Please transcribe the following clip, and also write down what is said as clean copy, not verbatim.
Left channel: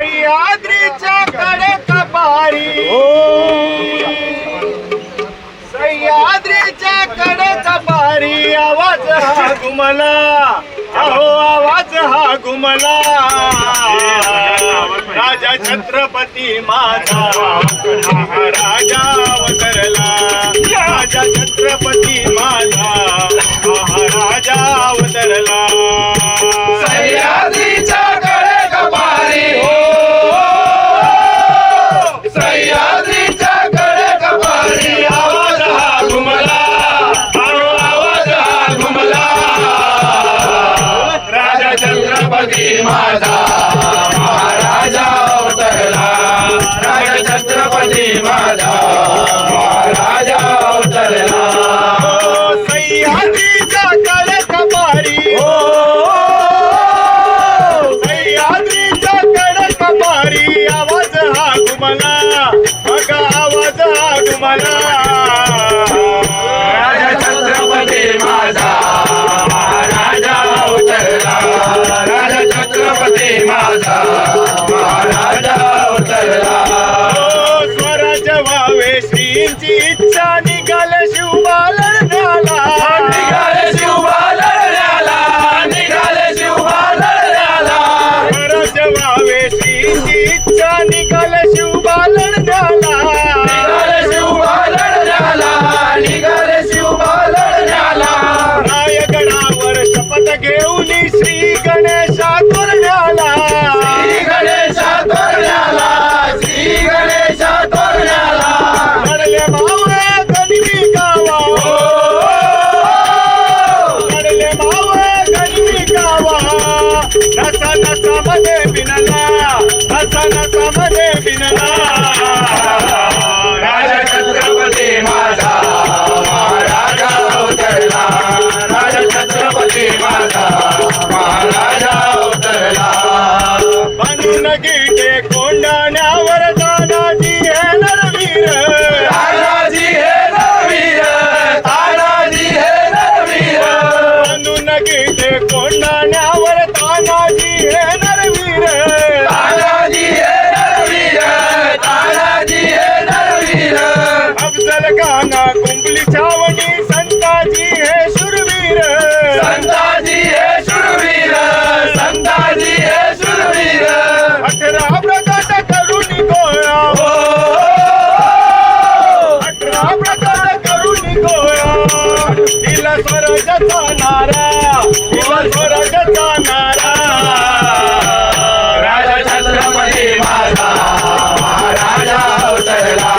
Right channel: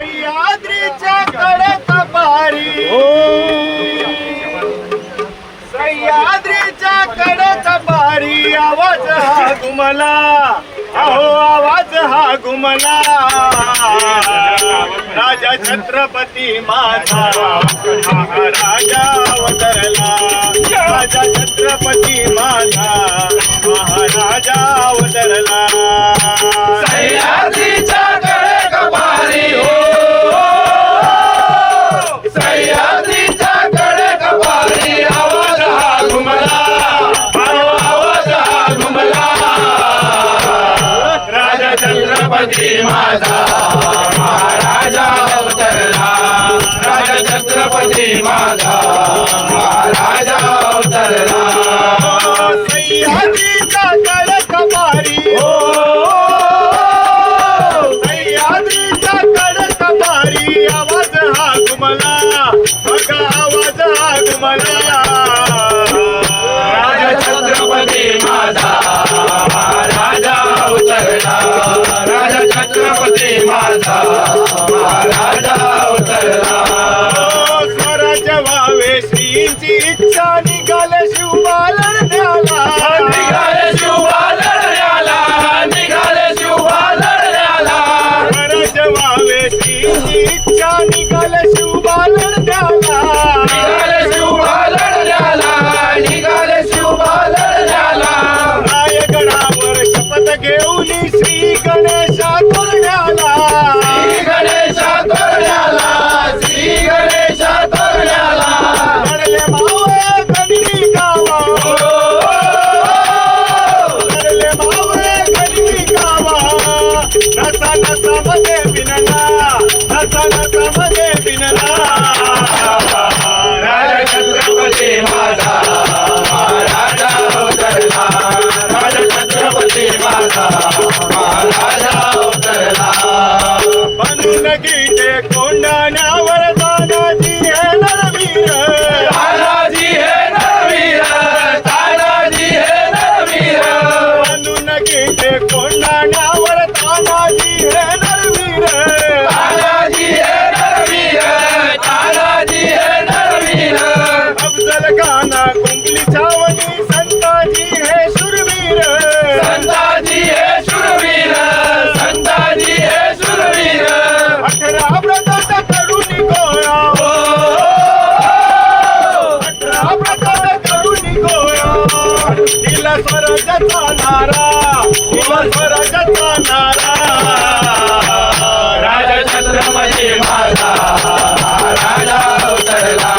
सह्याद्रीच्या कडेच पारी सह्याद्रीच्या कडेच पारी आवाज हा घुमला अहो आवाज हा घुमला राजा छत्रपती माझा महाराजा अवतरला राजा छत्रपती माझा महाराजा अवतरला सह्याद्रीच्या कडेच पारी हो सह्याद्रीच्या कडेच पारी आवाज हा घुमला आवाज हा घुमला राजा छत्रपती माझा महाराजा अवतरला राजा छत्रपती माझा महाराजा अवतरला सह्याद्रीच्या कडेच पारी हो सह्याद्रीच्या कडेच पारी आवाज हा घुमला बघा आवाज हा घुमला राजा छत्रपती माझा महाराजा अवतरला राजा छत्रपती माझा महाराजा अवतरला स्वराज्य व्हावे श्रींची इच्छा निघाले शिवबाला लढण्याला निघाले शिवबा लढण्याला निघाले शिवबा लढण्याला स्वराज्य व्हावे श्रींची इच्छा निघाले शिवबाला लढण्याला निघाले शिवबा लढण्याला निघाले शिवबा लढण्याला रायगडावर शपथ घेऊन श्री गणेशा तोरण्याला श्री गणेशा तोरण्याला श्री गणेशा तोरण्याला लढले मावळे गणवी गावा लढले मावळे गणवी गावा नसा नसामध्ये बिनला नसा नसामध्ये बिनला राजा छत्रपती माझा महाराजा अवतरला राजा छत्रपती माझा महाराजा अवतरला म्हणून गीते कोंडाण्यावर तानाजी हे नरवीर तानाजी हे नरवीर तानाजी हे नरवीर म्हणून गीते कोंडाण्यावर तानाजी हे नरवीर तानाजी हे नरवीर तानाजी हे नरवीर अफजल खाना कुंबली छावणी संताजी हे शूरवीर संताजी हे शूरवीर संताजी हे शूरवीर 18 प्रकार करून गोळा 18 प्रकार करून गोळा दिला स्वर्गाचा नारा दिला स्वर्गाचा नारा राजा छत्रपती माझा महाराजा अवतरला